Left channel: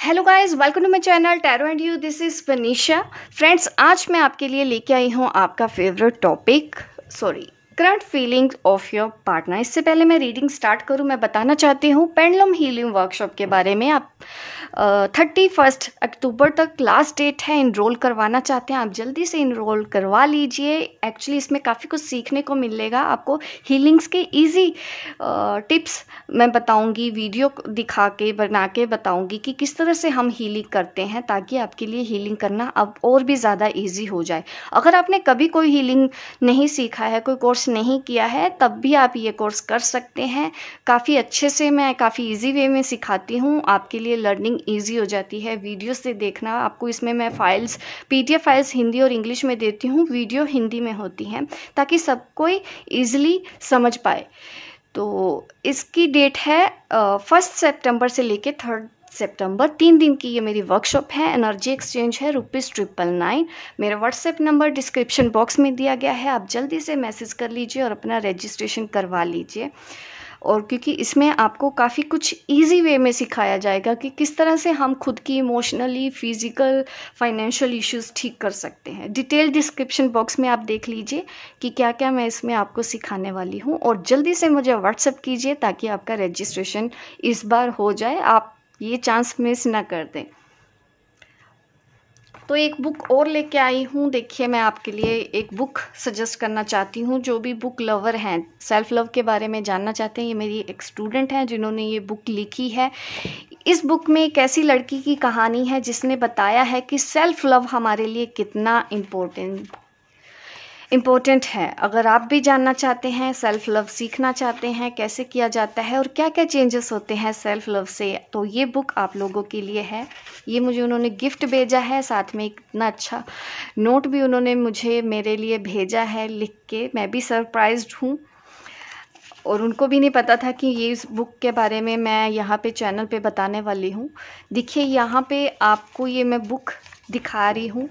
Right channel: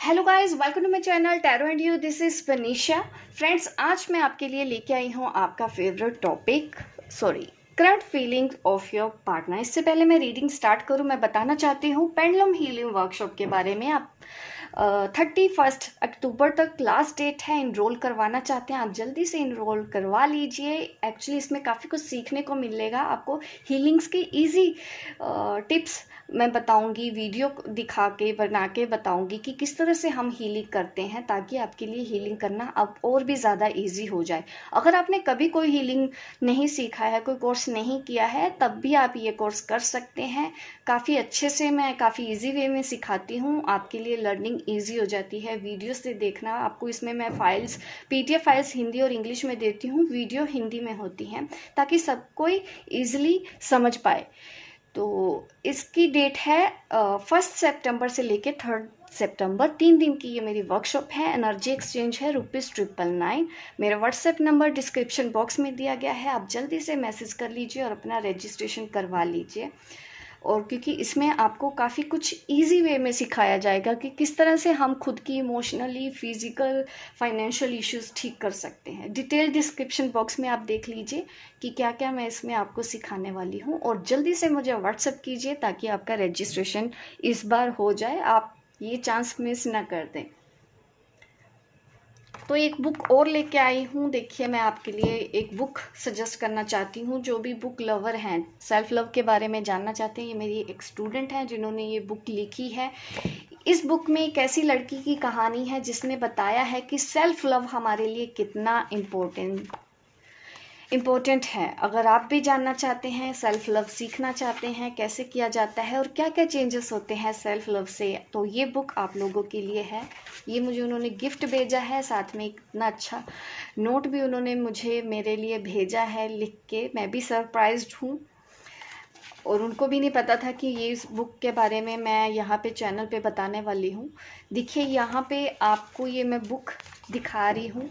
Hello guys, welcome to my channel tarot and you. This is Vanisha. Friends, आज मैं आपके लिए लेके आई हूँ आपका favourite topic current feelings of your partner. इससे पहले मैं रीडिंग स्टार्ट करूँ, मैं बताना चाहती हूँ पेंडुलम हीलिंग वर्कशॉप के बारे में। आप 31 अक्टूबर तक लास्ट डेट है। इनरोल करवाना चाहते हैं आप जल्दी से इनरोल करवा लीजिए। एक्चुअली इसमें काफ़ी कुछ सीखने को मिलेगा आपको। हीलिंग्स के इजी टिप्स मैं बताऊंगी, वीडियो दिखा के बना के बताऊंगी कि किस तरह से हम हीलिंग करते हैं, ताकि आपके लिए हीलिंग करना अब और भी ज़्यादा इजी हो जाए। अगर आपने कभी कोई हीलिंग नहीं सीखा है, कोई कोर्स नहीं किया है, तब भी आप ये कोर्स कर सकते हैं। काफ़ी अच्छे से मैं काफ़ी इजी वे में सिखाती हूँ, आपके लिए लर्निंग इजी हो जाती है। वीडियो से देखना आपको, इसमें मैं फाइल्स PDF फाइल्स हिंदी और इंग्लिश में देती हूँ, वीडियो हिंदी में होती हैं, ताकि सब कोई ईजिली समझ पाए। तो इसकी डेट है 1 सितंबर से लेके 3 सितंबर, 3 दिन की ये मेरी वर्कशॉप है। एनर्जी एक्सचेंज है ₹999। मेरा व्हाट्सएप नंबर डिस्क्रिप्शन बॉक्स में दिया गया है, आप जल्दी से मैसेज कर लीजिए और अपना रजिस्ट्रेशन करवा लीजिए। और क्योंकि इसमें आपको काफ़ी कुछ इजी वे में सिखाया जाएगा कि किस तरह से हम खुद की इमोशनली, फिजिकल, फाइनेंशियल इश्यूज ठीक कर सकते हैं। डिटेल डिस्क्रिप्शन बॉक्स में आप देख लीजिए कि क्या क्या मैं इसमें आपको सिखाने वाली हूँ। और जल्दी से मुझे व्हाट्सएप कीजिए ताकि आपका रजिस्ट्रेशन इस बार हो जाए, आप ये चांस मिस ना कर दें। तो एक बुक और लेके आई हूँ। देखिए, मैं आपके लिए एक बुक सजेस्ट करना चाहती हूँ। जो भी बुक लवर हैं, सेल्फ लव के बारे में जानना चाहते हैं, ये मेरी एक स्टूडेंट है जिन्होंने ये बुक लिखी है। इस बुक में एक ऐसी लड़की की कहानी है जिसने बताया है कि सेल्फ लव हमारे लिए कितना इम्पोर्टेंट है। अगर आप भी जानना चाहते हैं, सेल्फ लव सीखना चाहते हैं, कैसे किया जाता है और क्या क्या चेंजेस होते हैं सेल्फ लव से, तो ये बुक आप लोगों के लिए है। ये मुझे उन्होंने गिफ्ट भेजा है, साथ में इतना अच्छा नोट भी उन्होंने मुझे मेरे लिए भेजा है लिख के। मैं भी सरप्राइज्ड हूँ और उनको भी नहीं पता था कि ये इस बुक के बारे में मैं यहाँ पे चैनल पे बताने वाली हूँ। देखिए, यहाँ पे आपको ये मैं बुक दिखा रही हूँ।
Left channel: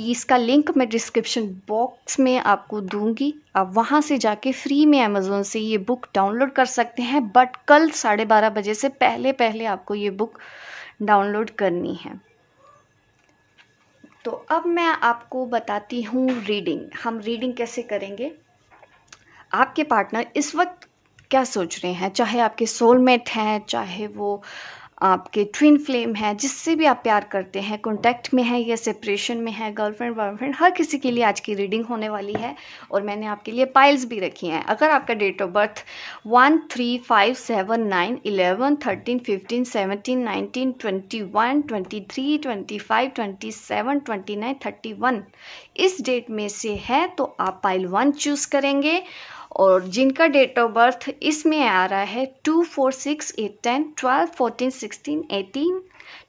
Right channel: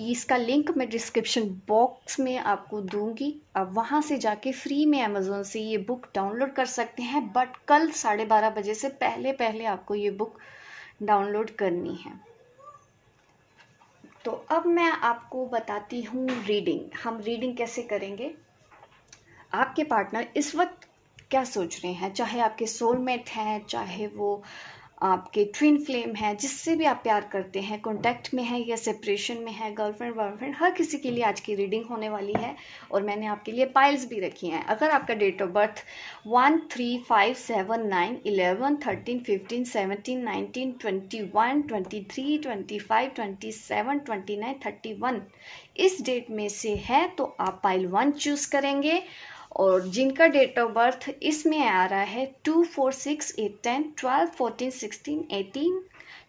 इसका लिंक मैं डिस्क्रिप्शन बॉक्स में आपको दूंगी। आप वहाँ से जाके फ्री में अमेज़ोन से ये बुक डाउनलोड कर सकते हैं, बट कल 12:30 बजे से पहले पहले आपको ये बुक डाउनलोड करनी है। तो अब मैं आपको बताती हूँ रीडिंग। हम रीडिंग कैसे करेंगे। आपके पार्टनर इस वक्त क्या सोच रहे हैं, चाहे आपके सोलमेट हैं, चाहे वो आपके ट्विन फ्लेम है, जिससे भी आप प्यार करते हैं, कॉन्टैक्ट में है या सेपरेशन में है, गर्लफ्रेंड बॉयफ्रेंड, हर किसी के लिए आज की रीडिंग होने वाली है। और मैंने आपके लिए पाइल्स भी रखी हैं। अगर आपका डेट ऑफ बर्थ 1, 3, 5, 7, 9, 11, 13, 15, 17, 19, 21, 23, 25, 27, 29, 31 इस डेट में से है, तो आप पाइल 1 चूज करेंगे। और जिनका डेट ऑफ बर्थ इसमें आ रहा है 2, 4, 6, 8, 10, 12, 14, 16, 18,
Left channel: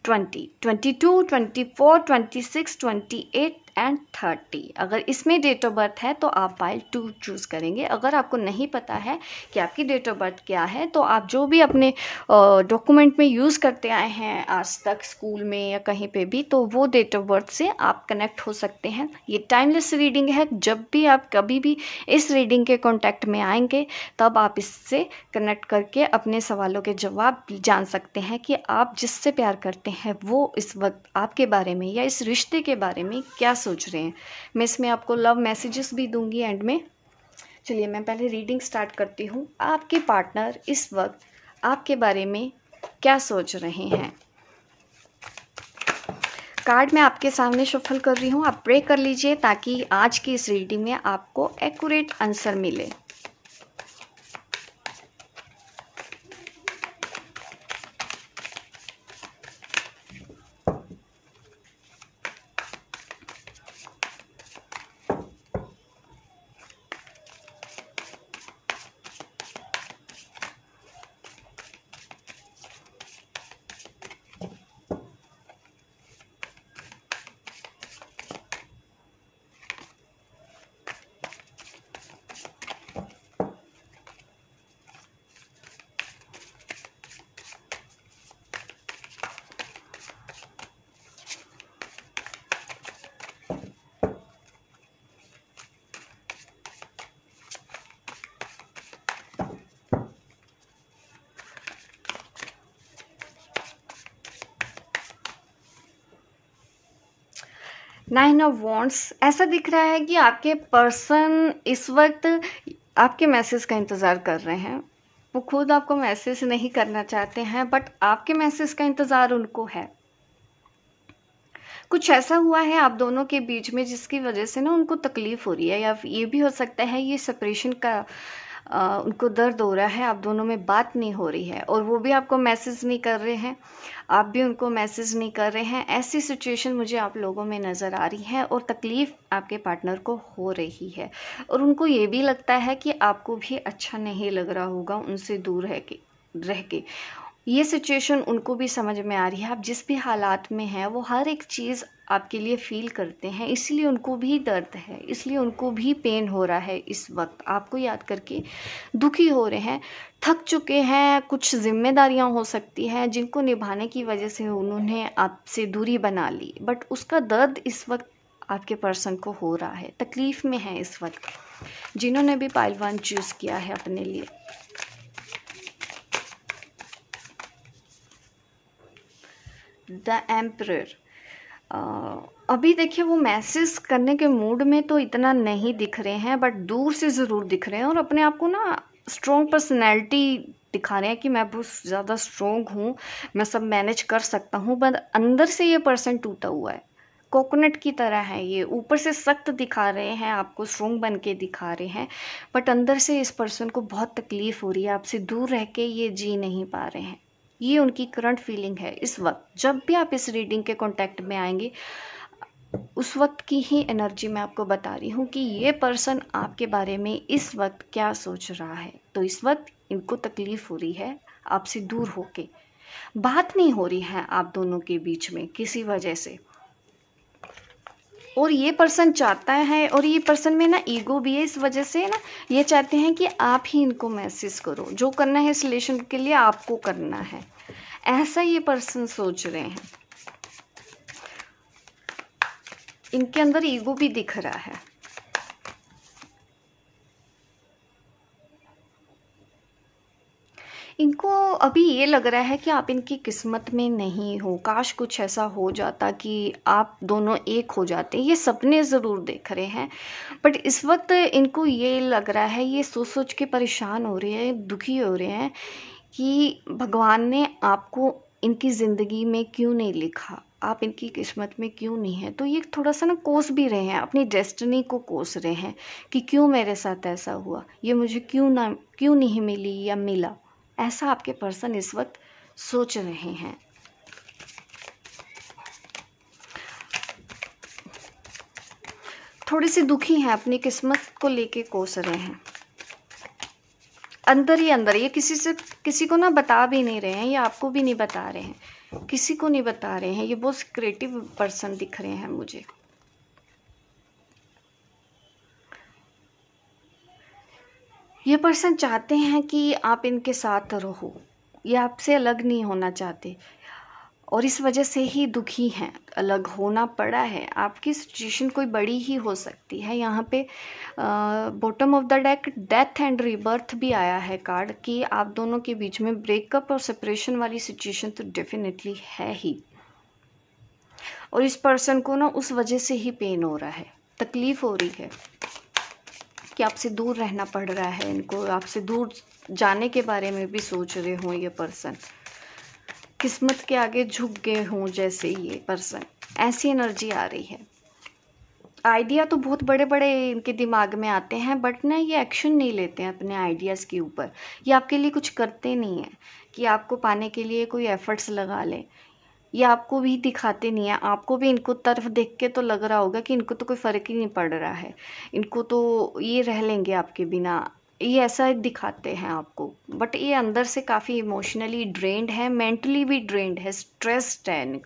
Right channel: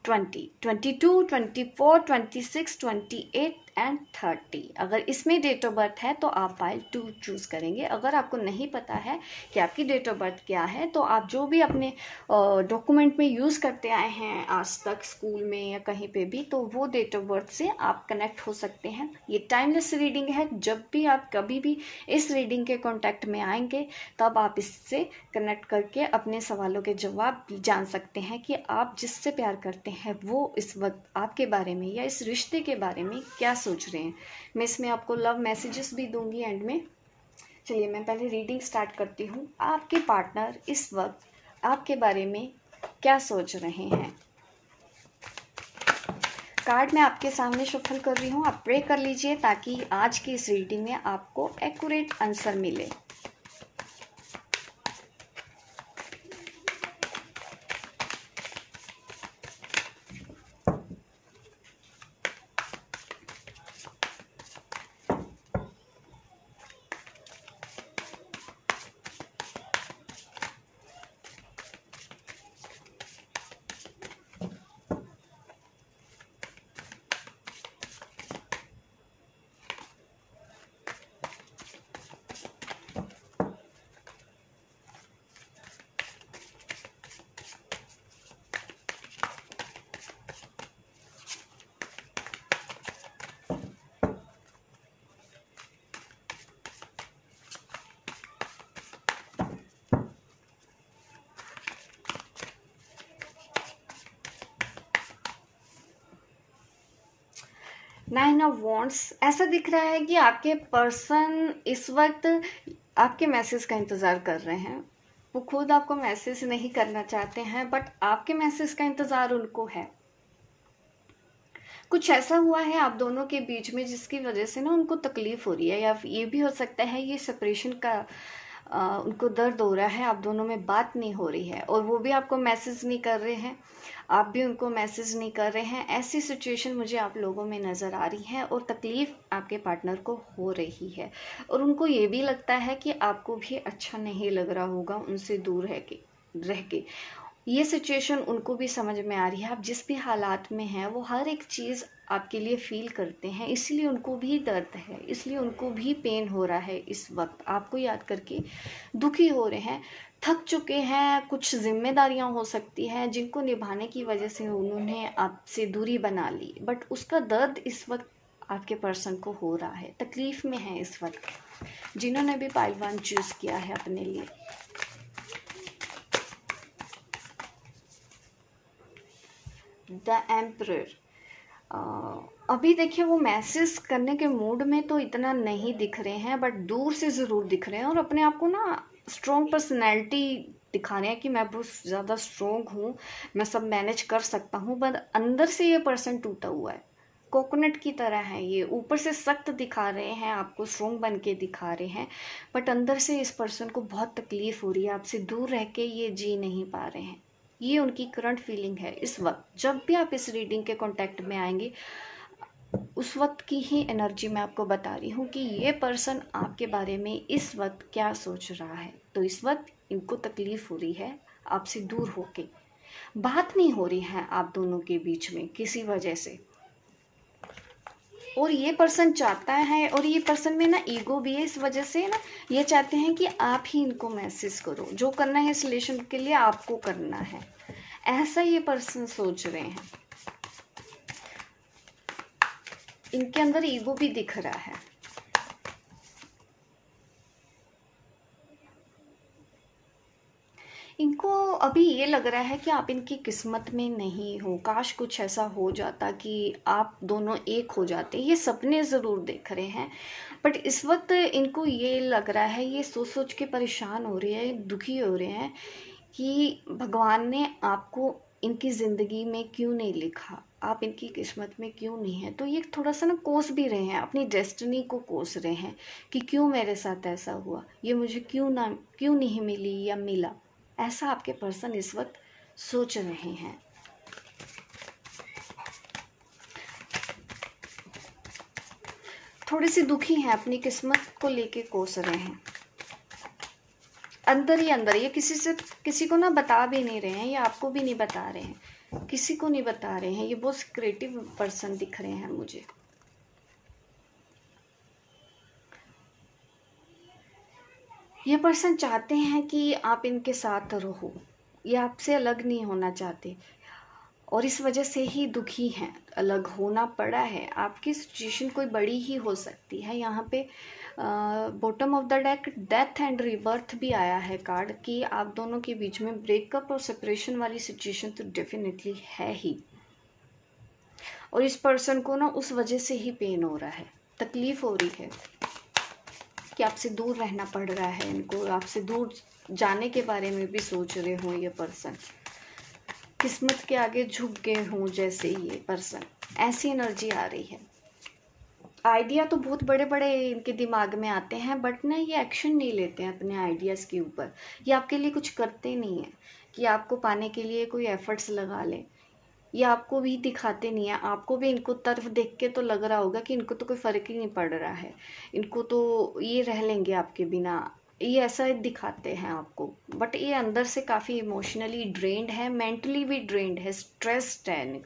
20, 22, 24, 26, 28 एंड 30, अगर इसमें डेट ऑफ बर्थ है तो आप पाइल 2 चूज करेंगे। अगर आपको नहीं पता है कि आपकी डेट ऑफ बर्थ क्या है, तो आप जो भी अपने डॉक्यूमेंट में यूज़ करते आए हैं आज तक, स्कूल में या कहीं पे भी, तो वो डेट ऑफ बर्थ से आप कनेक्ट हो सकते हैं। ये टाइमलेस रीडिंग है। जब भी आप कभी भी इस रीडिंग के कॉन्टैक्ट में आएंगे, तब आप इससे कनेक्ट करके अपने सवालों के जवाब जान सकते हैं कि आप जिससे प्यार करते हैं वो इस वक्त आपके बारे में या इस रिश्ते के बारे में क्या सोच रहे हैं। मैं इसमें आपको लव मैसेजेस भी दूंगी एंड में। चलिए, मैं पहले रीडिंग स्टार्ट करती हूँ। आपके पार्टनर इस वक्त आपके बारे में क्या सोच रहे हैं। कार्ड मैं आपके सामने शफल कर रही हूँ, आप प्रे कर लीजिए ताकि आज की इस रीडिंग में आपको एक्यूरेट आंसर मिले। नाइन ऑफ वॉन्ड्स, ऐसा दिख रहा है कि आपके पर्सन इस वक्त आपके मैसेज का इंतज़ार कर रहे हैं। वो खुद आपको मैसेज नहीं करना चाहते हैं, बट आपके मैसेज का इंतज़ार उनको है। कुछ ऐसा हुआ है आप दोनों के बीच में जिसकी वजह से ना उनको तकलीफ हो रही है, या ये भी हो सकता है ये सेपरेशन का उनको दर्द हो रहा है, आप दोनों में बात नहीं हो रही है, और वो भी आपको मैसेज नहीं कर रहे हैं, आप भी उनको मैसेज नहीं कर रहे हैं। ऐसी सिचुएशन मुझे आप लोगों में नज़र आ रही है, और तकलीफ़ आपके पार्टनर को हो रही है, और उनको ये भी लगता है कि आपको भी अच्छा नहीं लग रहा होगा उनसे दूर रह के। ये सिचुएशन उनको भी समझ में आ रही है, आप जिस भी हालात में हैं वो हर एक चीज़ आपके लिए फील करते हैं, इसलिए उनको भी दर्द है, इसलिए उनको भी पेन हो रहा है। इस वक्त आपको याद करके दुखी हो रहे हैं, थक चुके हैं, कुछ जिम्मेदारियां हो सकती हैं जिनको निभाने की वजह से उन्होंने आपसे दूरी बना ली, बट उसका दर्द इस वक्त आपके पर्सन को हो रहा है, तकलीफ़ में है इस वक्त, जिन्होंने भी पाइल 1 चूज़ किया है अपने लिए। द एम्परर, अभी देखिए वो मैसेज करने के मूड में तो इतना नहीं दिख रहे हैं, बट दूर से ज़रूर दिख रहे हैं, और अपने आप को ना स्ट्रॉन्ग पर्सनैलिटी दिखा रहे हैं कि मैं बहुत ज़्यादा स्ट्रॉन्ग हूँ, मैं सब मैनेज कर सकता हूँ, बट अंदर से ये पर्सन टूटा हुआ है, कोकोनट की तरह है ये। ऊपर से सख्त दिखा रहे हैं, आपको स्ट्रॉन्ग बन के दिखा रहे हैं, बट अंदर से इस पर्सन को बहुत तकलीफ़ हो रही है, आपसे दूर रह के ये जी नहीं पा रहे हैं। ये उनकी करंट फीलिंग है इस वक्त। जब भी आप इस रीडिंग के कांटेक्ट में आएंगे, उस वक्त की ही एनर्जी मैं आपको बता रही हूँ कि ये पर्सन आपके बारे में इस वक्त क्या सोच रहा है। तो इस वक्त इनको तकलीफ हो रही है आपसे दूर होके, बात नहीं हो रही है आप दोनों के बीच में किसी वजह से, और ये पर्सन चाहता है, और ये पर्सन में ना ईगो भी है, इस वजह से ना ये चाहते हैं कि आप ही इनको मैसेज करो, जो करना है इस रिलेशन के लिए आपको करना है, ऐसा ये पर्सन सोच रहे हैं। इनके अंदर ईगो भी दिख रहा है। इनको अभी ये लग रहा है कि आप इनकी किस्मत में नहीं हो, काश कुछ ऐसा हो जाता कि आप दोनों एक हो जाते। ये सपने ज़रूर देख रहे हैं, बट इस वक्त इनको ये लग रहा है, ये सोच सोच के परेशान हो रहे हैं, दुखी हो रहे हैं कि भगवान ने आपको इनकी ज़िंदगी में क्यों नहीं लिखा, आप इनकी किस्मत में क्यों नहीं है। तो ये थोड़ा सा ना कोस भी रहे हैं, अपनी डेस्टिनी को कोस रहे हैं कि क्यों मेरे साथ ऐसा हुआ, ये मुझे क्यों नहीं मिली या मिला। ऐसा आपके पर्सन इस वक्त सोच रहे हैं। थोड़ी सी दुखी हैं, अपनी किस्मत को लेके कोस रहे हैं अंदर ही अंदर। ये किसी को ना बता भी नहीं रहे हैं, ये आपको भी नहीं बता रहे हैं, किसी को नहीं बता रहे हैं। ये बहुत क्रिएटिव पर्सन दिख रहे हैं मुझे। ये पर्सन चाहते हैं कि आप इनके साथ रहो, ये आपसे अलग नहीं होना चाहते, और इस वजह से ही दुखी हैं, अलग होना पड़ा है। आपकी सिचुएशन कोई बड़ी ही हो सकती है। यहाँ पे bottom of the deck death and rebirth भी आया है कार्ड, कि आप दोनों के बीच में ब्रेकअप और सेपरेशन वाली सिचुएशन तो डेफिनेटली है ही, और इस पर्सन को ना उस वजह से ही पेन हो रहा है, तकलीफ हो रही है कि आपसे दूर रहना पड़ रहा है इनको, आपसे दूर जाने के बारे में भी सोच रहे हों ये पर्सन, किस्मत के आगे झुक गए हों जैसे ये पर्सन, ऐसी एनर्जी आ रही है। आइडिया तो बहुत बड़े बड़े इनके दिमाग में आते हैं, बट ना ये एक्शन नहीं लेते हैं अपने आइडियाज़ के ऊपर। ये आपके लिए कुछ करते नहीं हैं कि आपको पाने के लिए कोई एफर्ट्स लगा लें, ये आपको भी दिखाते नहीं है। आपको भी इनको तरफ देख के तो लग रहा होगा कि इनको तो कोई फ़र्क ही नहीं पड़ रहा है, इनको तो ये रह लेंगे आपके बिना, ये ऐसा दिखाते हैं आपको, बट ये अंदर से काफ़ी इमोशनली ड्रेन्ड है, मेंटली भी ड्रेन्ड है, स्ट्रेस्ड है,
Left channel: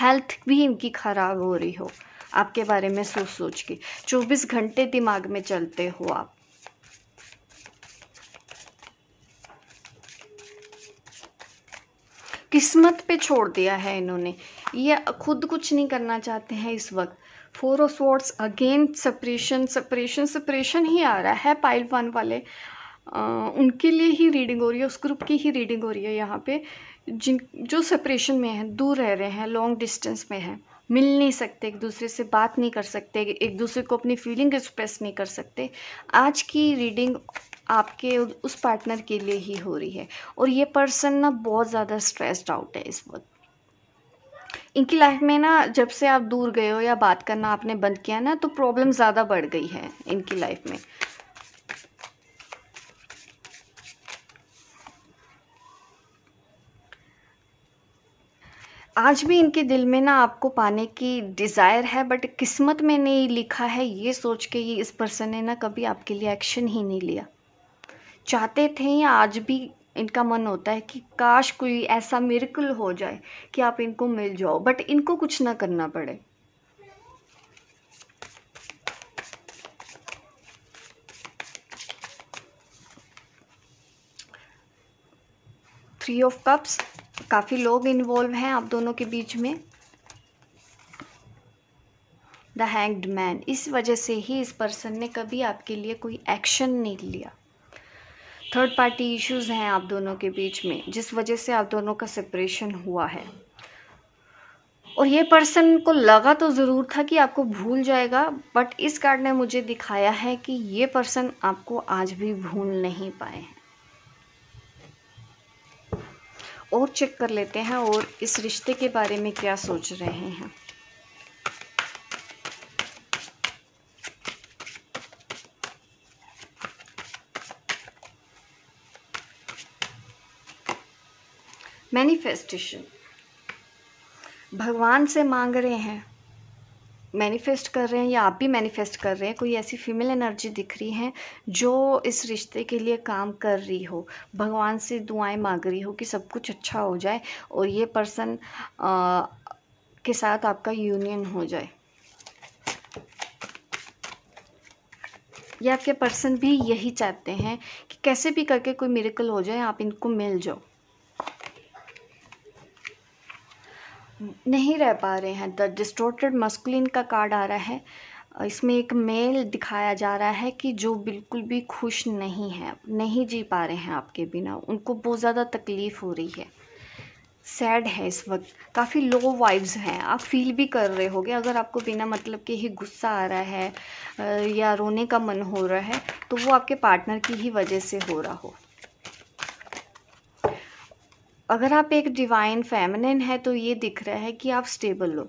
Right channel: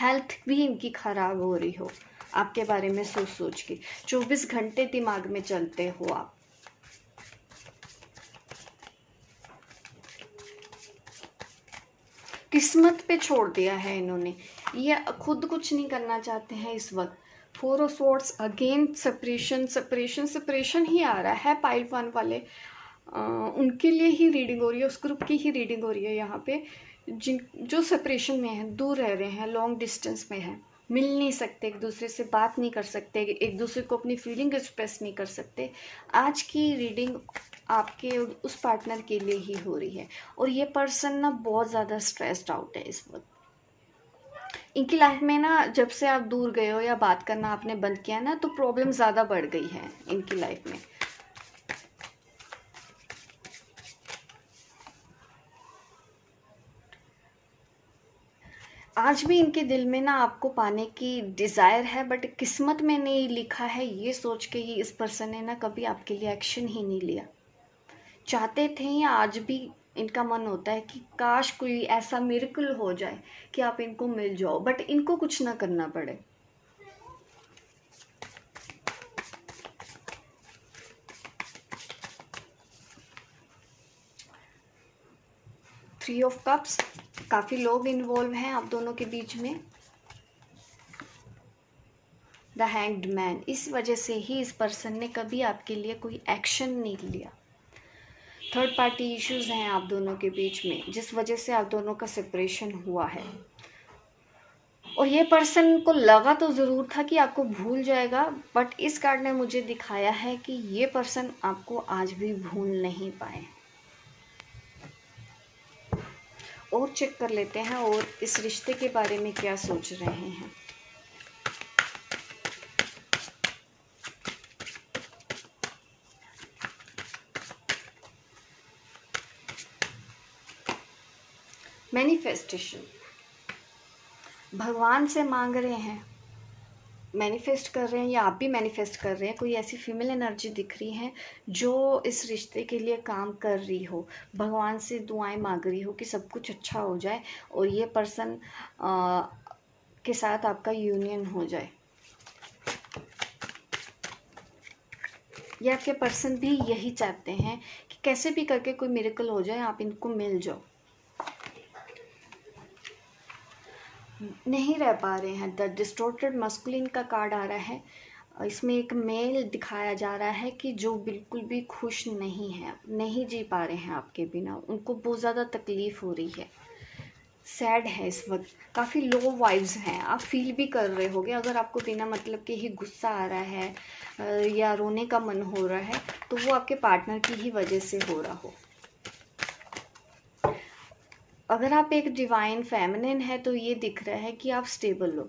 हेल्थ भी इनकी ख़राब हो रही हो आपके बारे में सोच सोच के। 24 घंटे दिमाग में चलते हो आप। किस्मत पे छोड़ दिया है इन्होंने, ये खुद कुछ नहीं करना चाहते हैं इस वक्त। 4 ऑफ स्वॉर्ड्स अगेन, सेपरेशन ही आ रहा है। पाइल 1 वाले उनके लिए ही रीडिंग हो रही है, उस ग्रुप की ही रीडिंग हो रही है यहाँ पे, जो सेपरेशन में है, दूर रह रहे हैं, लॉन्ग डिस्टेंस में है, मिल नहीं सकते, एक दूसरे से बात नहीं कर सकते, एक दूसरे को अपनी फीलिंग एक्सप्रेस नहीं कर सकते। आज की रीडिंग आपके उस पार्टनर के लिए ही हो रही है। और ये पर्सन ना बहुत ज़्यादा स्ट्रेस्ड आउट है इस वक्त। इनकी लाइफ में ना जब से आप दूर गए हो या बात करना आपने बंद किया ना, तो प्रॉब्लम ज़्यादा बढ़ गई है इनकी लाइफ में। आज भी इनके दिल में ना आपको पाने की डिज़ायर है, बट किस्मत में नहीं लिखा है, ये सोच के ये इस पर्सन ने ना कभी आपके लिए एक्शन ही नहीं लिया। चाहते थे या आज भी इनका मन होता है कि काश कोई ऐसा मिरेकल हो जाए कि आप इनको मिल जाओ, बट इनको कुछ ना करना पड़े। थ्री ऑफ कप्स, काफ़ी लोग इन्वॉल्व हैं आप दोनों के बीच में। द हैंग्ड मैन, इस वजह से ही इस पर्सन ने कभी आपके लिए कोई एक्शन नहीं लिया। थर्ड पार्टी इश्यूज हैं आप दोनों के बीच में, जिस वजह से आप दोनों का सेपरेशन हुआ है। और ये पर्सन को लगा तो ज़रूर था कि आपको भूल जाएगा, बट इस कार्ड ने मुझे दिखाया है कि ये पर्सन आपको आज भी भूल नहीं पाए। और चेक कर लेते हैं और इस रिश्ते के बारे में क्या सोच रहे हैं। मैनिफेस्टेशन, भगवान से मांग रहे हैं, मैनिफेस्ट कर रहे हैं, या आप भी मैनिफेस्ट कर रहे हैं। कोई ऐसी फीमेल एनर्जी दिख रही है जो इस रिश्ते के लिए काम कर रही हो, भगवान से दुआएं मांग रही हो कि सब कुछ अच्छा हो जाए और ये पर्सन के साथ आपका यूनियन हो जाए। या आपके पर्सन भी यही चाहते हैं कि कैसे भी करके कोई मिरेकल हो जाए, आप इनको मिल जाओ। नहीं रह पा रहे हैं। द डिस्टोर्टेड मस्कुलिन का कार्ड आ रहा है। इसमें एक मेल दिखाया जा रहा है कि जो बिल्कुल भी खुश नहीं है, नहीं जी पा रहे हैं आपके बिना, उनको बहुत ज़्यादा तकलीफ़ हो रही है, सैड है इस वक्त, काफ़ी लो वाइब्स हैं। आप फील भी कर रहे होगे। अगर आपको बिना मतलब के ही गुस्सा आ रहा है या रोने का मन हो रहा है, तो वो आपके पार्टनर की ही वजह से हो रहा हो। अगर आप एक डिवाइन फेमिनिन है तो ये दिख रहा है कि आप स्टेबल हो।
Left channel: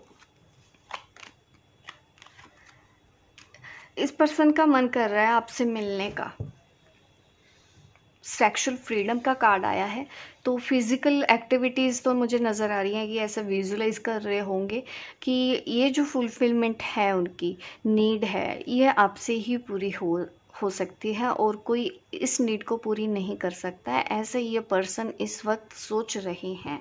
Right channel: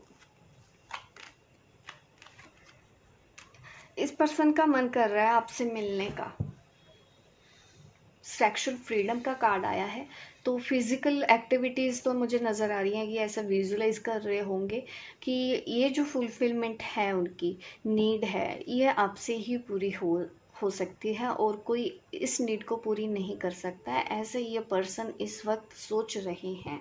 इस पर्सन का मन कर रहा है आपसे मिलने का। सेक्सुअल फ्रीडम का कार्ड आया है, तो फिजिकल एक्टिविटीज़ तो मुझे नज़र आ रही हैं कि ऐसा विजुलाइज कर रहे होंगे कि ये जो फुलफिलमेंट है, उनकी नीड है, ये आपसे ही पूरी हो सकती है और कोई इस नीड को पूरी नहीं कर सकता है, ऐसे ये पर्सन इस वक्त सोच रहे हैं।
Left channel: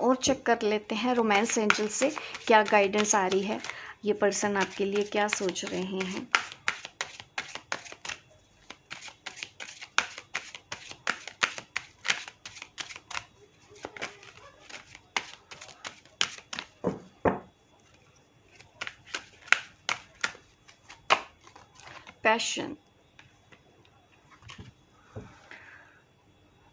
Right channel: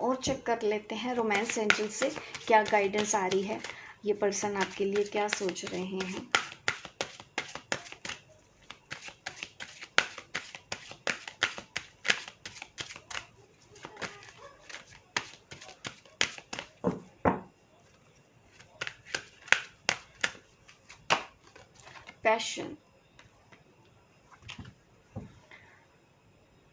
और चेक कर लेते हैं रोमांस एंजल से क्या गाइडेंस आ रही है, ये पर्सन आपके लिए क्या सोच रहे हैं। पैशन,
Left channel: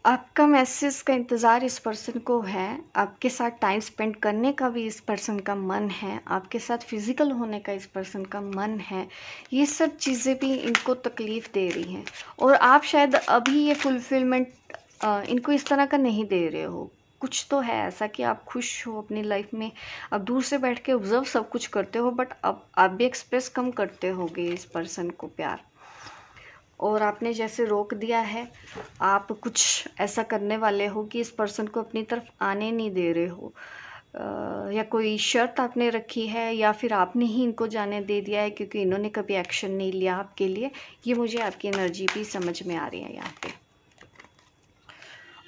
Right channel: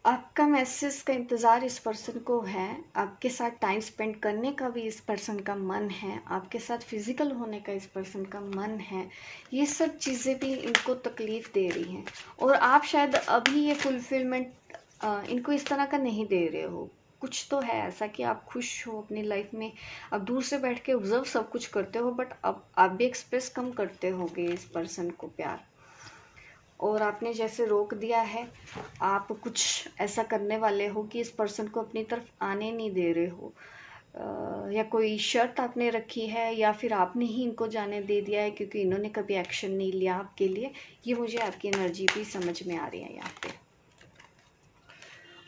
आपका मैसेज का इंतज़ार इस पर्सन को है, आपके साथ टाइम स्पेंड करने का भी इस पर्सन का मन है, आपके साथ फिजिकल होने का इस पर्सन का मन है। ये सब चीज़ें भी इनको तकलीफ़ दे रही हैं और आप शायद अभी ये फुलफिलमेंट इनको इस तरह का नहीं दे रहे हो। कुछ तो है ऐसा कि आप खुश हो अपनी लाइफ में, आप दूर से बैठ के ऑब्जर्व सब कुछ करते हो, बट अब आप भी एक्सप्रेस कम करते होगे इस पर्सन को प्यार, और आपने जैसे रोक दिया है। आप कुछ ऐसा करने वाले हो कि इस पर्सन को अपनी तरफ आने नहीं दे रहे हो, या कोई शर्त आपने रखी है या फिर आपने ही इनको जाने दे दिया है क्योंकि इन्होंने कभी एक्शन नहीं लिया आपके लिए। ये मुझे आपकी एनर्जी भी समझ में आ रही है यहाँ पे।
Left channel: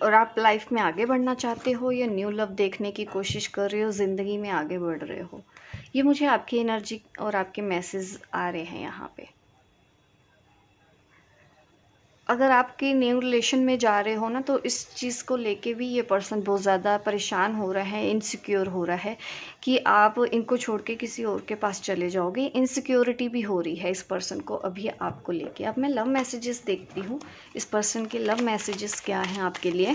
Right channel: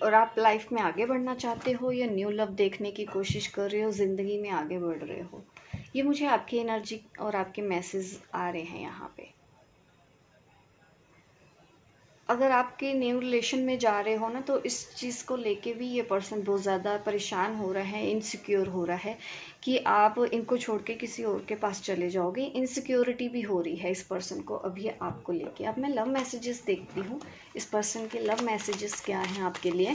और आप लाइफ में आगे बढ़ना चाहते हो या न्यू लव देखने की कोशिश कर रहे हो, ज़िंदगी में आगे बढ़ रहे हो, ये मुझे आपकी एनर्जी और आपके मैसेज आ रहे हैं यहाँ पे। अगर आपके न्यू रिलेशन में जा रहे हो ना, तो इस चीज़ को लेके भी ये पर्सन बहुत ज़्यादा परेशान हो रहा है, इनसिक्योर हो रहा है कि आप इनको छोड़ के किसी और के पास चले जाओगे। इनसिक्योरिटी भी हो रही है इस पर्सन को अभी आपको लेके। अब मैं लव मैसेजेस देखती हूँ, इस पर्सन के लव मैसेजेस क्या हैं आपके लिए।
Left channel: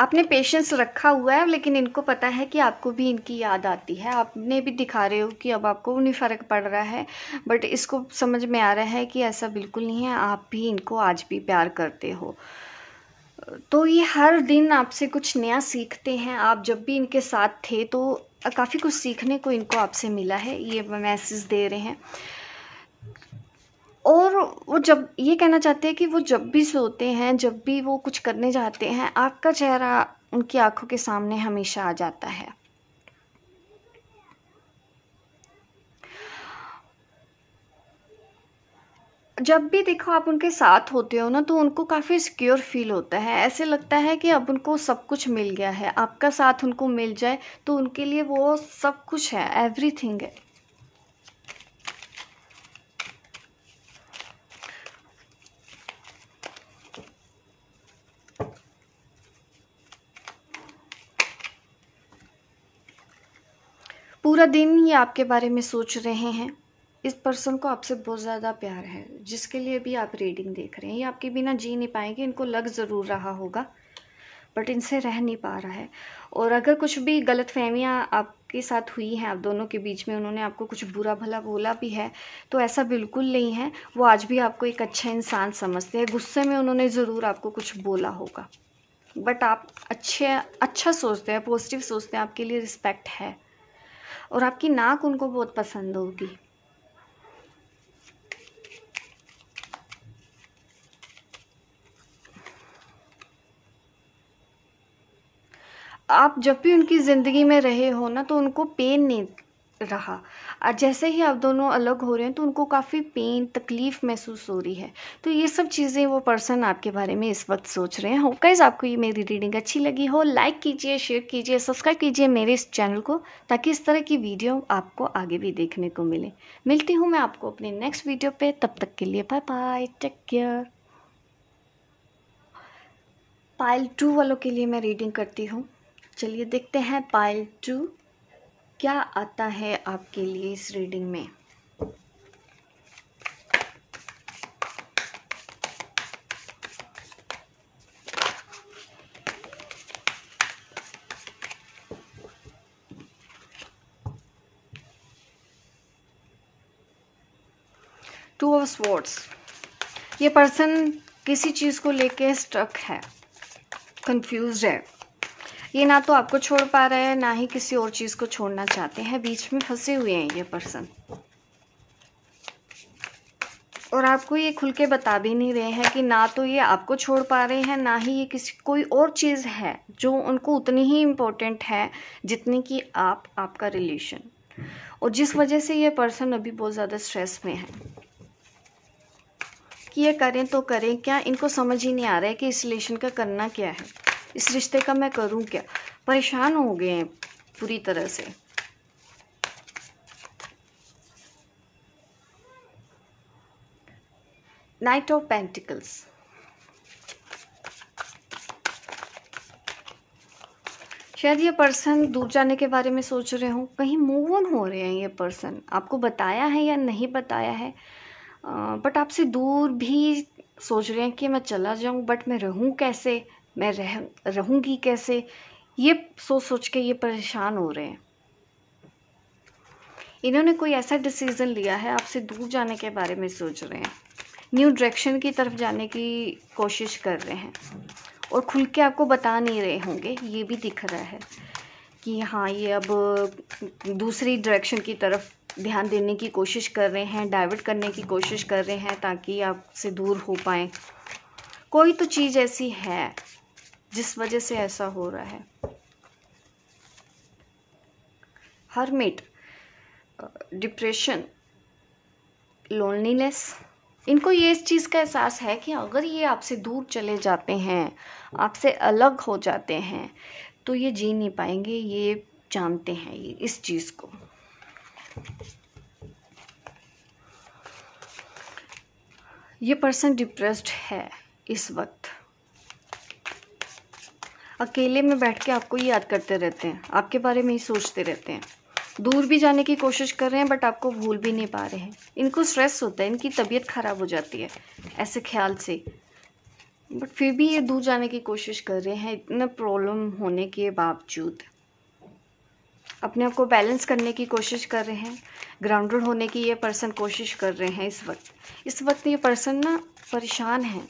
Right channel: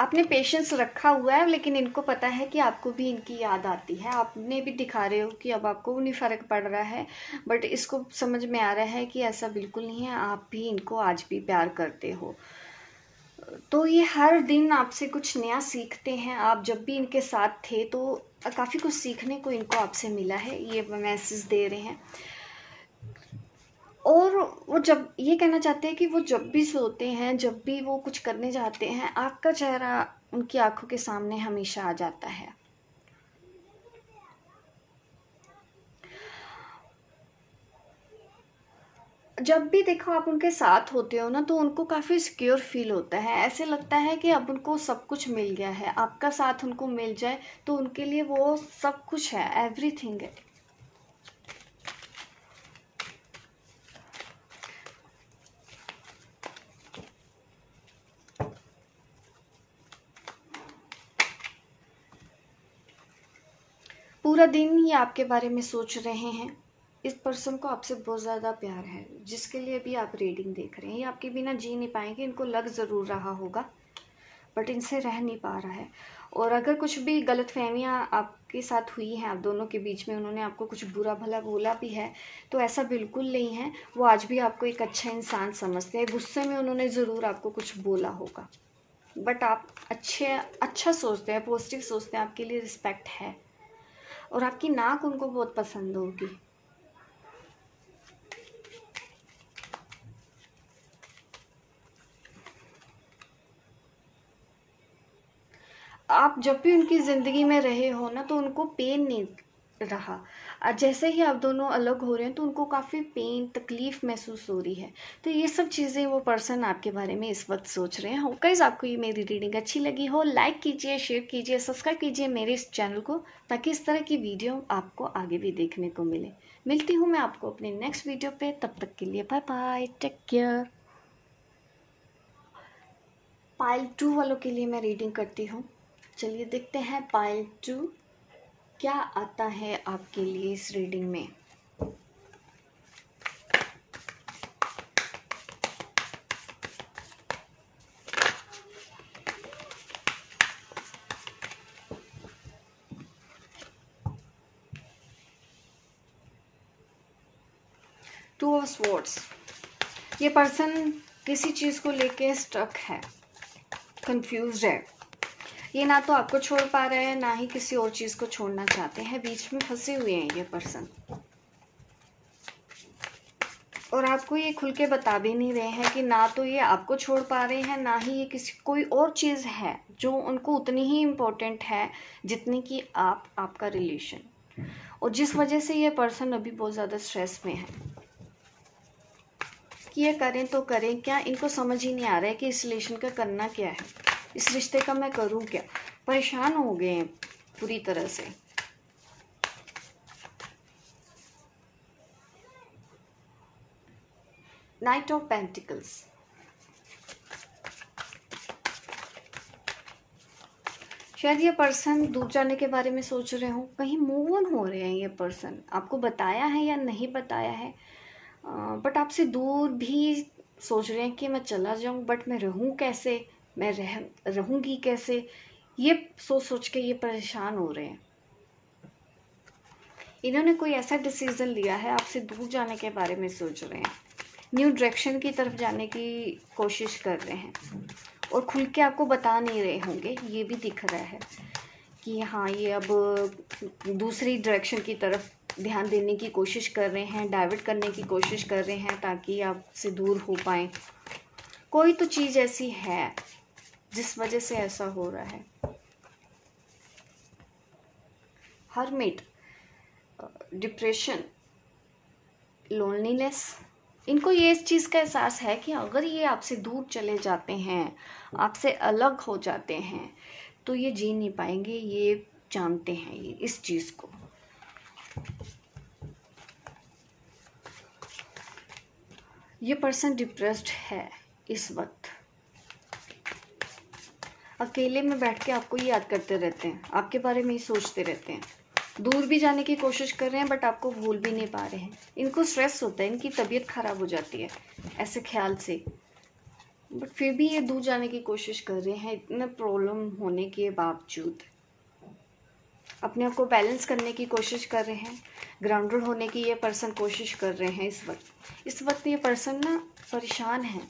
आपने पेशेंस रखा हुआ है, लेकिन इनको पता है कि आपको भी इनकी याद आती है। आपने भी दिखा रहे हो कि अब आपको नहीं फ़र्क पड़ रहा है, बट इसको समझ में आ रहा है कि ऐसा बिल्कुल नहीं है, आप भी इनको आज भी प्यार करते हो। तो ये हर दिन आपसे कुछ नया सीखते हैं। आप जब भी इनके साथ थे तो काफ़ी कुछ सीखने को इनको आपसे मिला है, ये मैसेज दे रहे हैं। और वो जब ये कहना चाहते हैं कि वो जब भी सोते हैं, जब भी वो कुछ करने जाते हैं, आपका चेहरा उनकी आंखों के सामने हमेशा आ जाता है। जब भी देखो आप उनके साथ होते हो ना, तो उनको काफ़ी सिक्योर फील होता है। ऐसे लगता है कि अब उनको सब कुछ मिल गया है। आपका साथ उनको मिल जाए तो उनके लिए वो सब कुछ है, एवरीथिंग है। पूरा दिन ये आपके बारे में सोच रहे हैं। इस पर्सन को आपसे बहुत ज़्यादा प्यार है, जिसके लिए भी आप रीडिंग देख रहे हैं। ये आपके बिना जी नहीं पाएंगे, इनको लग ज़रूर रहा होगा, बट इनसे रह नहीं पा रहा है। और अगर कुछ भी गलतफहमियां आपके साथ हुई हैं, आप दोनों के बीच में, उन्होंने आपको कुछ बुरा भला बोला भी है, तो ऐसा बिल्कुल नहीं है। वो आज भी आपको एक अच्छा इंसान समझते हैं। गुस्से में उन्होंने ज़रूर आपको कुछ बोला होगा, बट आप अच्छा सोचते हैं, पॉजिटिव सोचते हैं, आपके लिए रिस्पेक्ट है। और आपकी नाक उनको बहुत पसंद होगी। आप जब भी उनकी ज़िंदगी में रहे हो ना, तो उनको पेन नहीं रहा। और जैसे ही आप दोनों अलग हो रहे हैं तो उनको काफ़ी पेन, तकलीफ़ महसूस हो रही है। तो ये सब चीज़ें वो पर्सन आपके बारे में इस वक्त सोच रहे हैं। हो गाइस, आपको ये मेरी रीडिंग अच्छी लगी हो, लाइक कीजिए, शेयर कीजिए, सब्सक्राइब कीजिए मेरे इस चैनल को, ताकि इस तरह की वीडियो आपको आगे भी देखने को मिले। मिलती हूँ मैं आपको अपने नेक्स्ट वीडियो पे, तब तक के लिए bye bye, take care. Pile 2 वालों के लिए मैं रीडिंग करती हूँ। चलिए देखते हैं पाइल 2 क्या आता है आपके लिए इस रीडिंग में। Two of swords. ये पर्सन किसी चीज़ को लेके स्ट्रक है, कंफ्यूज्ड है। ये ना तो आपको छोड़ पा रहे हैं, ना ही किसी और चीज़ को छोड़ना चाहते हैं। बीच में फंसे हुए हैं ये पर्सन, और आपको ये खुल के बता भी नहीं रहे हैं कि ना तो ये आपको छोड़ पा रहे हैं, ना ही ये किसी कोई और चीज़ है जो उनको उतनी ही इम्पोर्टेंट है जितनी कि आपका रिलेशन। और जिस वजह से ये पर्सन अभी बहुत ज़्यादा स्ट्रेस में है कि ये करें तो करें क्या। इनको समझ ही नहीं आ रहा है कि इस रिलेशन का करना क्या है, इस रिश्ते का मैं करूं क्या। परेशान हो गए हैं पूरी तरह से। Night of pentacles. शायद ये पर्सन दूर जाने के बारे में सोच रहे हो, कहीं मूव ऑन हो रहे हैं ये पर्सन। आपको बताया है या नहीं बताया है, बट आपसे दूर भी सोच रहे हैं कि मैं चला जाऊं, बट मैं रहूं कैसे, मैं रहूंगी कैसे। ये सोच सोच के ये परेशान हो रहे हैं। इन्होंने कोई ऐसा डिसीजन लिया है, आपसे दूर जाने के बारे में सोच रहे हैं, न्यू डायरेक्शन की तरफ जाने की कोशिश कर रहे हैं, और खुल के आपको बता नहीं रहे होंगे। ये भी दिख रहा है कि हाँ, ये अब दूसरी डायरेक्शन की तरफ ध्यान देने की कोशिश कर रहे हैं, डाइवर्ट करने की कोशिश कर रहे हैं ताकि आपसे दूर हो पाए। कोई तो चीज़ ऐसी है जिस वजह से ऐसा हो रहा है। Hermit, depression, loneliness. इनको ये इस चीज़ का एहसास है कि अगर ये आपसे दूर चले जाते हैं, आपसे अलग हो जाते हैं, तो ये जी नहीं पाएंगे। ये जानते हैं ये इस चीज़ को। ये पर्सन डिप्रेस्ड है इस वक्त। अकेले में बैठ के आपको याद करते रहते हैं, आपके बारे में ही सोचते रहते हैं। दूर भी जाने की कोशिश कर रहे हैं, बट आपको भूल भी नहीं पा रहे हैं। इनको स्ट्रेस होता है, इनकी तबीयत खराब हो जाती है ऐसे ख्याल से। बट फिर भी ये दूर जाने की कोशिश कर रहे हैं, इतना प्रॉब्लम होने के बावजूद अपने आप को बैलेंस करने की कोशिश कर रहे हैं, ग्राउंडेड होने की ये पर्सन कोशिश कर रहे हैं। इस वक्त ये पर्सन ना परेशान है,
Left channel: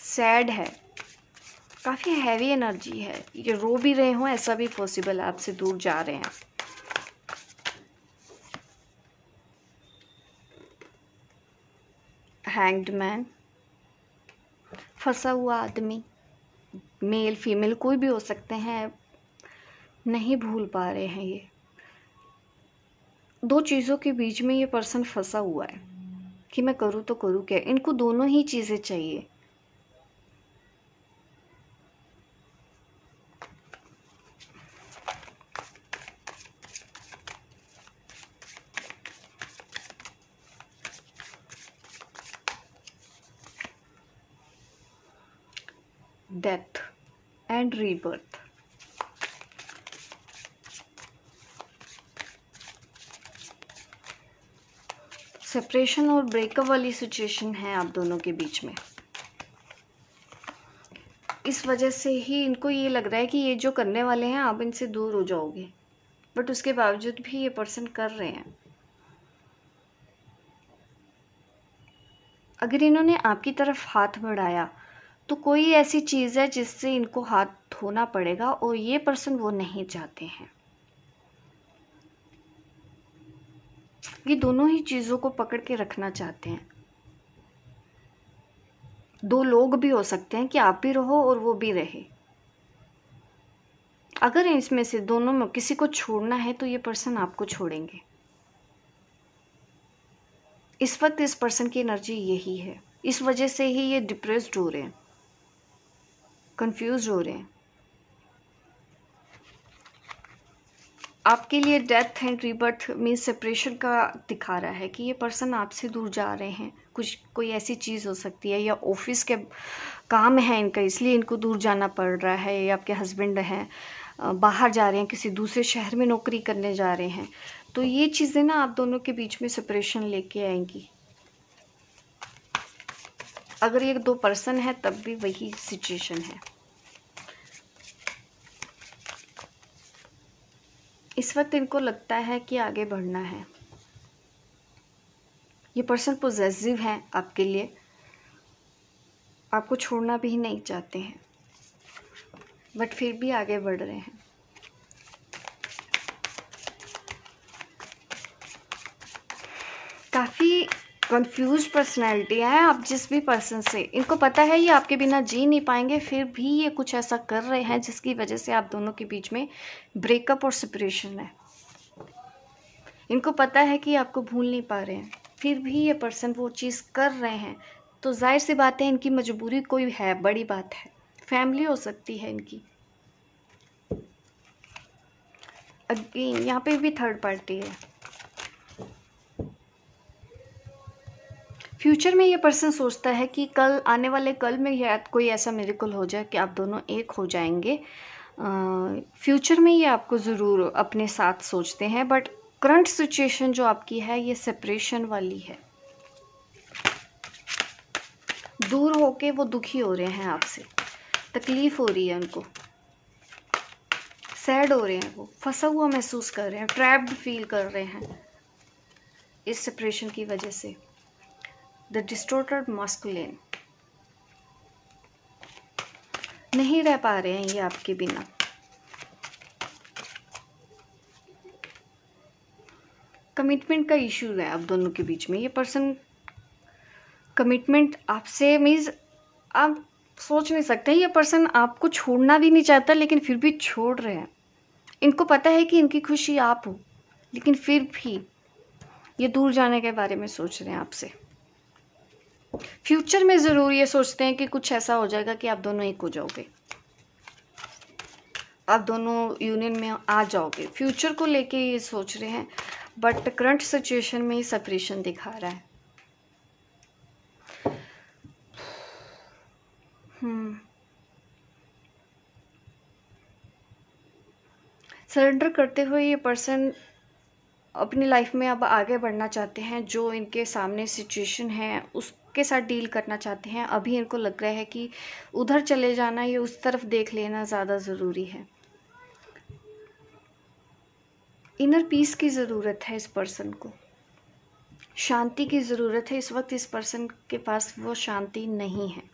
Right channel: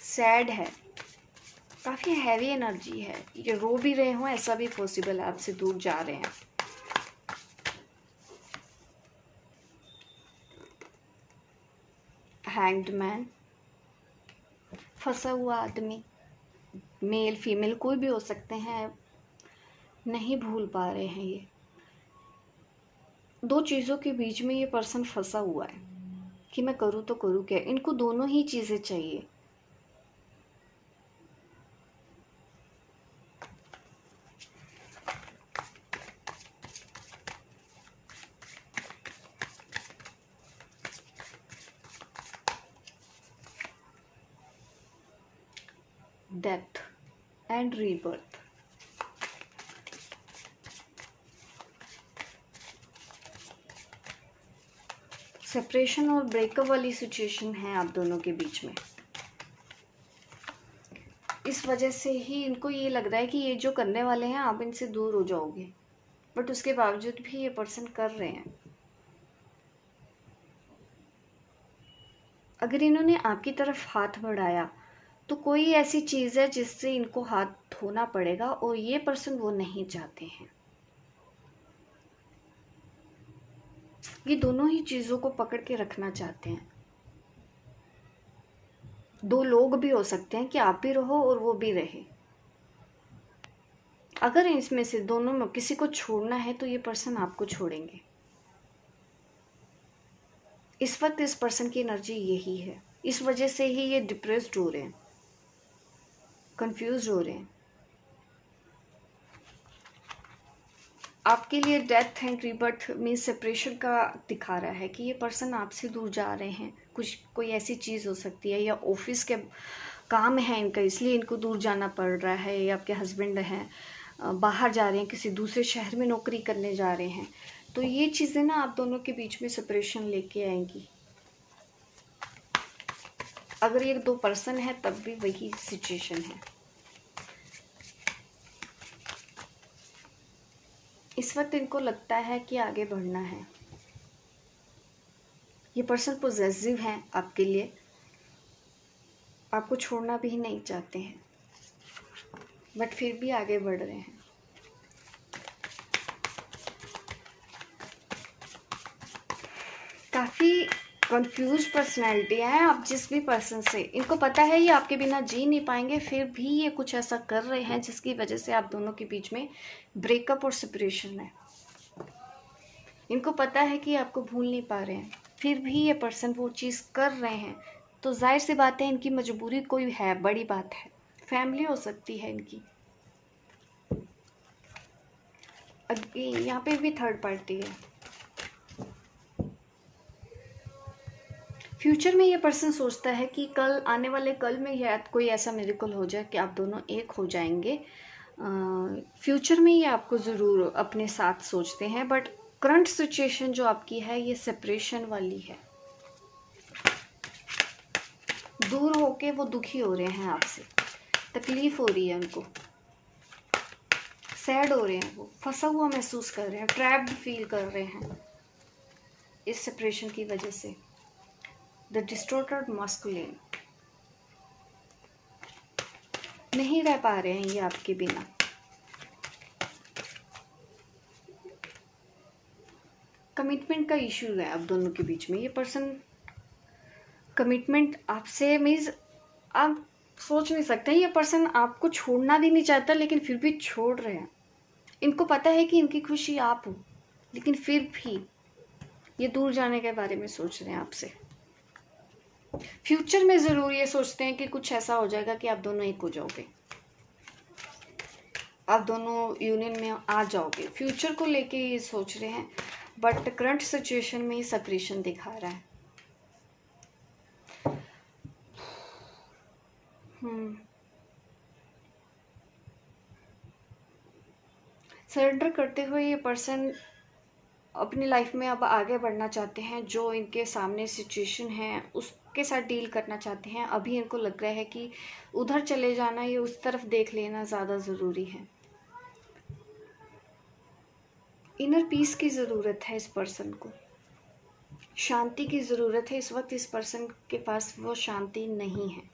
सैड है, काफ़ी हैवी एनर्जी है, ये रो भी रहे हो, ऐसा भी पॉसिबल है, आपसे दूर जा रहे हैं। हैंग्ड मैन, फंसा हुआ आदमी, मेल फीमेल कोई भी हो सकते हैं, नहीं भूल पा रहे हैं। ये दो चीज़ों के बीच में ये पर्सन फंसा हुआ है कि मैं करूँ तो करूँ क्या। इनको दोनों ही चीज़ें चाहिए। डेथ एंड रीबर्थ, सेपरेशन और ब्रेकअप वाली सिचुएशन है आप दोनों के बीच में। इस वजह से ही इनको ये लग रहा है कि ये जो करने वाले हैं आप इनसे दूर हो जाओगे, बट उसके बावजूद भी ये पर्सन कर रहे हैं। अगर इन्होंने आपकी तरफ हाथ बढ़ाया तो कोई ऐसी चीज़ है जिससे इनको हाथ धोना पड़ेगा, और ये पर्सन वो नहीं चाहते हैं। ये दोनों ही चीज़ों को पकड़ के रखना चाहते हैं। दो लोग भी हो सकते हैं कि आप भी रहो और वो भी रहे। अगर इसमें से दोनों में किसी को छोड़ना है तो ये पर्सन आपको छोड़ेंगे। इस वक्त इस पर्सन की एनर्जी यही है। इस वजह से ही ये डिप्रेस्ड हो रहे हैं, कंफ्यूज हो रहे हैं। आपके लिए death and rebirth mean separation का दिखा रहा है कि ये पर्सन आपसे दूर जा रहे हैं। कोई ऐसी चीज़ हो सकती है, या ऑफिस के काम है इनका इसलिए इनको दूर जाना पड़ रहा है, या आपके हस्बैंड हैं बाहर जा रहे हैं, किसी दूसरे शहर में नौकरी करने जा रहे हैं। तो ये चीज़ें ना आप दोनों के बीच में सेपरेशन लेके आएंगी। अगर ये दो पर्सन है तब भी वही सिचुएशन है। इस वक्त इनको लगता है कि आगे बढ़ना है। ये पर्सन पॉजिटिव है आपके लिए, आपको छोड़ना भी नहीं चाहते हैं, बट फिर भी आगे बढ़ रहे हैं। काफ़ी कंफ्यूज पर्सनैलिटी है आप जिस भी पर्सन से। इनको पता है ये आपके बिना जी नहीं पाएंगे, फिर भी ये कुछ ऐसा कर रहे हैं जिसकी वजह से आप दोनों के बीच में ब्रेकअप और सेपरेशन है। इनको पता है कि आपको भूल नहीं पा रहे हैं, फिर भी ये पर्सन वो चीज़ कर रहे हैं। तो जाहिर सी बात है इनकी मजबूरी कोई है, बड़ी बात है, फैमिली हो सकती है इनकी। अगेन यहाँ पे भी थर्ड पार्टी है। फ्यूचर में ये पर्सन सोचता है कि कल आने वाले कल में या कोई ऐसा मिरेकल हो जाए कि आप दोनों एक हो जाएंगे। फ्यूचर में ये आपको ज़रूर अपने साथ सोचते हैं, बट करंट सिचुएशन जो आपकी है ये सेपरेशन वाली है। दूर होके वो दुखी हो रहे हैं आपसे, तकलीफ हो रही है उनको, सैड हो रहे हैं, वो फंसा हुआ महसूस कर रहे हैं, ट्रैप्ड फील कर रहे हैं इस सेपरेशन की वजह से। द डिस्टॉर्टेड मस्कुलिन, नहीं रह पा रहे हैं ये आपके बिना। कमिटमेंट का इश्यू है आप दोनों के बीच में। ये पर्सन कमिटमेंट आपसे मीन्स आप सोच नहीं सकते, ये पर्सन आपको छोड़ना भी नहीं चाहता लेकिन फिर भी छोड़ रहे हैं। इनको पता है कि इनकी खुशी आप हो, लेकिन फिर भी ये दूर जाने के बारे में सोच रहे हैं आपसे। फ्यूचर में ज़रूर ये सोचते हैं कि कुछ ऐसा हो जाएगा कि आप दोनों एक हो जाओगे, आप दोनों यूनियन में आ जाओगे। फ्यूचर को लेके ये सोच रहे हैं, बट करंट सिचुएशन में ये सेपरेशन दिखा रहा है। सरेंडर करते हुए ये पर्सन अपनी लाइफ में अब आगे बढ़ना चाहते हैं, जो इनके सामने सिचुएशन है उसके साथ डील करना चाहते हैं। अभी इनको लग रहा है कि उधर चले जाना या उस तरफ देख लेना ज़्यादा ज़रूरी है। इनर पीस की ज़रूरत है इस पर्सन को, शांति की ज़रूरत है। इस वक्त इस पर्सन के पास वो शांति नहीं है।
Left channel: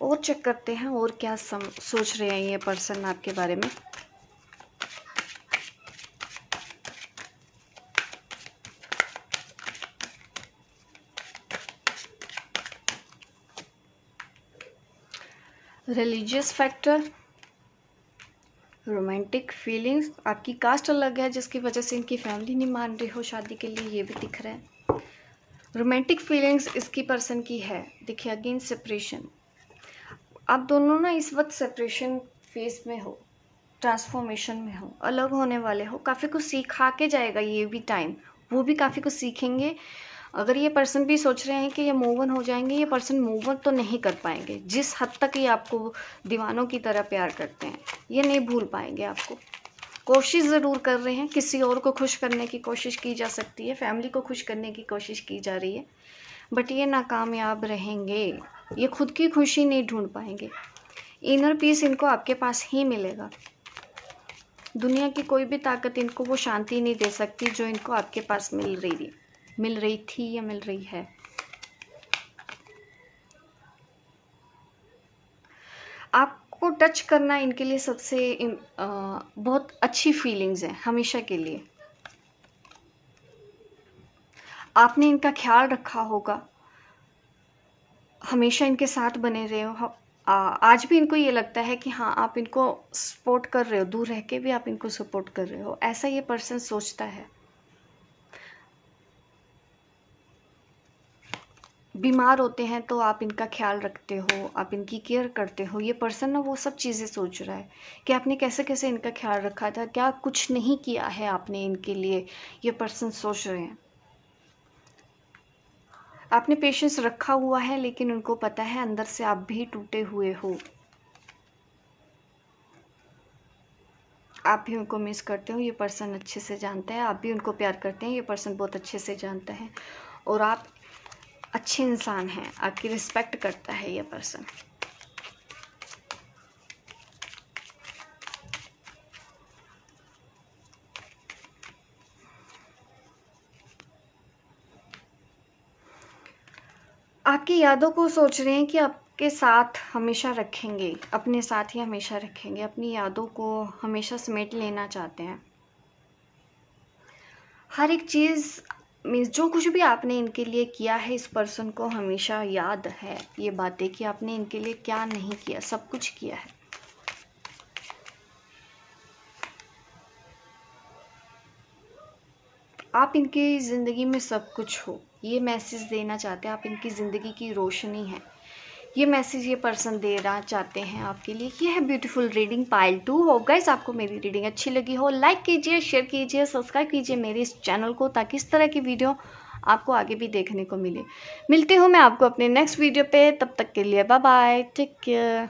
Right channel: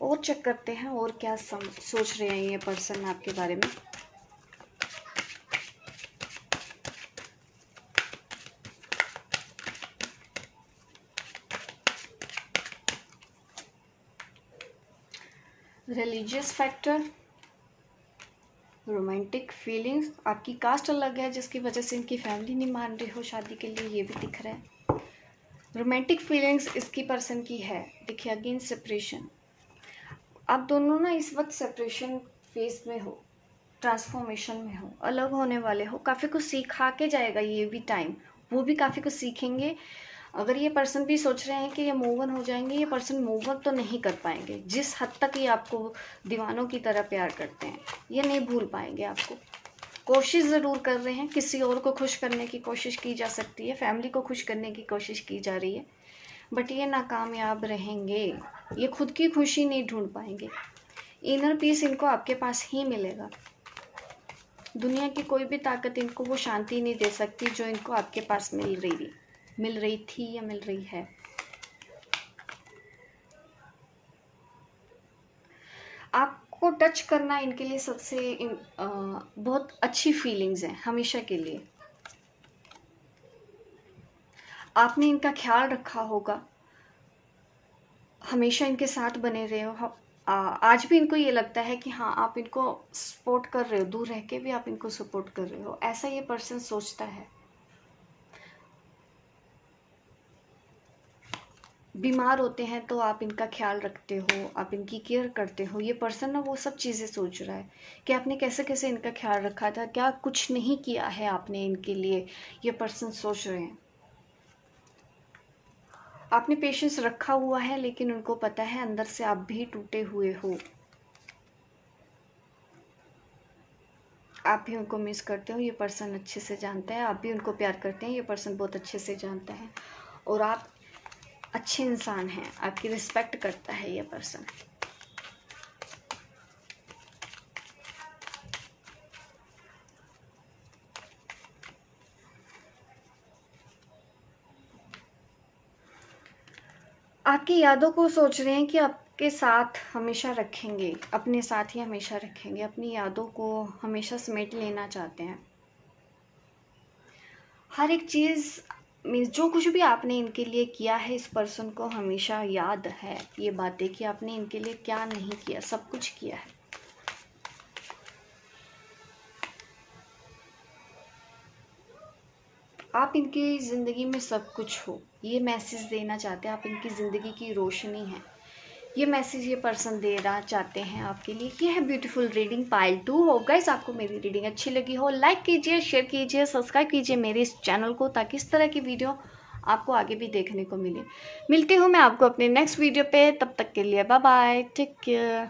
और चेक करते हैं और क्या सोच रहे हैं ये पर्सन आपके बारे में। रिलीजियस फैक्टर, रोमांटिक फीलिंग्स, आपकी कास्ट अलग है जिसकी वजह से इनकी फैमिली नहीं मान रही हो शादी के लिए, ये भी दिख रहा है। रोमांटिक फीलिंग्स इसकी पर्सन की है। देखिए अगेन सेपरेशन, आप दोनों ना इस वक्त सेपरेशन फेज में हो, ट्रांसफॉर्मेशन में हो, अलग होने वाले हो। काफ़ी कुछ सिखा के जाएगा ये भी टाइम, वो भी काफ़ी कुछ सीखेंगे। अगर ये पर्सन भी सोच रहे हैं कि ये मूव ऑन हो जाएंगे, ये पर्सन मूव ऑन तो नहीं कर पाएंगे। जिस हद तक ये आपको दीवानों की तरह प्यार करते हैं, ये नहीं भूल पाएंगे आपको। कोशिश ज़रूर कर रहे हैं, किसी और को खुश करने की कोशिश की जा सकती है, फैमिली को खुश करने की कोशिश की जा रही है, बट ये नाकामयाब रहेंगे। ये खुद की खुशी नहीं ढूंढ पाएंगे। इनर पीस इनको आपके पास ही मिलेगा। दुनिया की कोई भी ताकत इनको वो शांति नहीं दे सकती जो इनको आपके पास मिल रही थी या मिल रही है। आपको टच करना इनके लिए सबसे बहुत अच्छी फीलिंग्स है हमेशा के लिए। आपने इनका ख्याल रखा होगा, हमेशा इनके साथ बने रहे हो। आज भी इनको ये लगता है कि हाँ आप इनको सपोर्ट कर रहे हो, दूर रह के भी आप इनको सपोर्ट कर रहे हो, ऐसा ये पर्सन सोचता है। बीमार होते हैं तो आप इनका ख्याल रखते हो, आप इनकी केयर करते हो। ये पर्सन ना वो सब चीज़ें सोच रहा है कि आपने कैसे कैसे इनका ख्याल रखा था, क्या कुछ नहीं किया है आपने इनके लिए। ये पर्सन सोच रहे हैं आपने पेशेंस रखा हुआ है, लेकिन उनको पता है अंदर से आप भी टूटे हुए हो। आप भी उनको मिस करते हो, ये पर्सन अच्छे से जानता है। आप भी उनको प्यार करते हैं, ये पर्सन बहुत अच्छे से जानता है। और आप अच्छे इंसान हैं, आपकी रिस्पेक्ट करता है ये पर्सन। आपकी यादों को सोच रहे हैं कि आपके साथ हमेशा रखेंगे, अपने साथ ही हमेशा रखेंगे। अपनी यादों को हमेशा समेट लेना चाहते हैं। हर एक चीज़ मीन्स जो कुछ भी आपने इनके लिए किया है, इस पर्सन को हमेशा याद है ये बातें कि आपने इनके लिए क्या नहीं किया, सब कुछ किया है। आप इनकी ज़िंदगी में सब कुछ हो, ये मैसेज देना चाहते हैं। आप इनकी ज़िंदगी की रोशनी है, ये मैसेज ये पर्सन देना चाहते हैं आपके लिए। ये है beautiful reading pile 2। Hope guys आपको मेरी रीडिंग अच्छी लगी हो। लाइक कीजिए, शेयर कीजिए, सब्सक्राइब कीजिए मेरे इस चैनल को, ताकि इस तरह की वीडियो आपको आगे भी देखने को मिले। मिलती हूँ मैं आपको अपने नेक्स्ट वीडियो पे, तब तक के लिए बाय बाय, टेक केयर।